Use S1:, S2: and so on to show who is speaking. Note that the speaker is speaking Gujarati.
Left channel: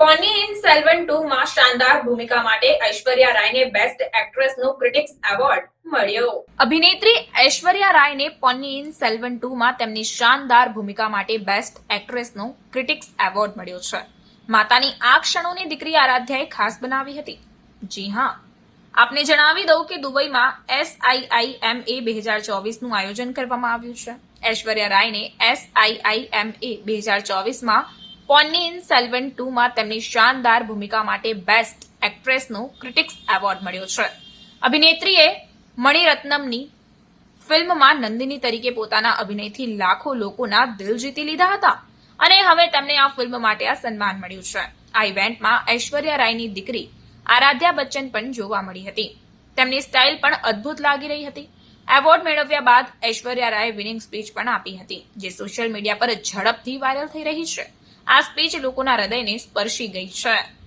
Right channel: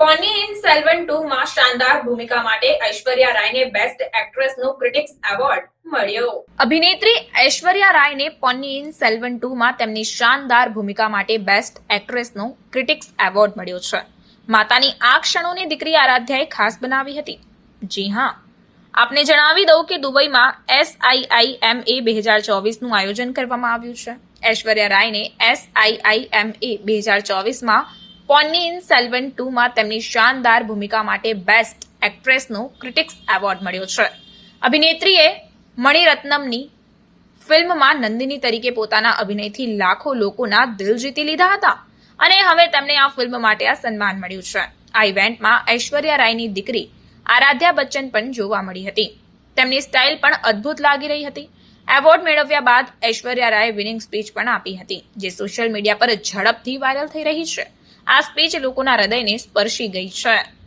S1: સેલ્વન ટુ માં શાનદાર ભૂમિકા માટે ઐશ્વર્યા રાયને બેસ્ટ એક્ટ્રેસનો ક્રિટિક્સ એવોર્ડ મળ્યો?
S2: અભિનેત્રી ઐશ્વર્યા રાયને ઇન સેલ્વન ટુમાં તેમની શાનદાર ભૂમિકા માટે બેસ્ટ એક્ટ્રેસનો ક્રિટિક્સ એવોર્ડ મળ્યો છે. માતાની આ ક્ષણોને દીકરી આરાધ્યાએ ખાસ બનાવી હતી. જી હા. આપને જણાવી દઉં કે દુબઈમાં એસઆઈઆઈએમએ બે હજાર ચોવીસનું આયોજન કરવામાં આવ્યું છે. ઐશ્વર્યા રાયને એસઆઈઆઈએમએ બે હજાર ચોવીસમાં પોન્નિયિન સેલ્વન ટુમાં તેમની શાનદાર ભૂમિકા માટે બેસ્ટ એક્ટ્રેસનો ક્રિટિક્સ એવોર્ડ મળ્યો છે. અભિનેત્રીએ મણિરત્નમની ફિલ્મમાં નંદિની તરીકે પોતાના અભિનયથી લાખો લોકોના દિલ જીતી લીધા હતા અને હવે તેમને આ ફિલ્મ માટે આ સન્માન મળ્યું છે. આ ઇવેન્ટમાં ઐશ્વર્યા રાયની દીકરી આરાધ્યા બચ્ચન પણ જોવા મળી હતી. તેમની સ્ટાઇલ પણ અદ્ભુત લાગી રહી હતી. એવોર્ડ મેળવ્યા બાદ ઐશ્વર્યા રાયે વિનિંગ સ્પીચ પણ આપી હતી, જે સોશિયલ મીડિયા પર ઝડપથી વાયરલ થઈ રહી છે. આ સ્પીચ લોકોના હૃદયને સ્પર્શી ગઈ છે.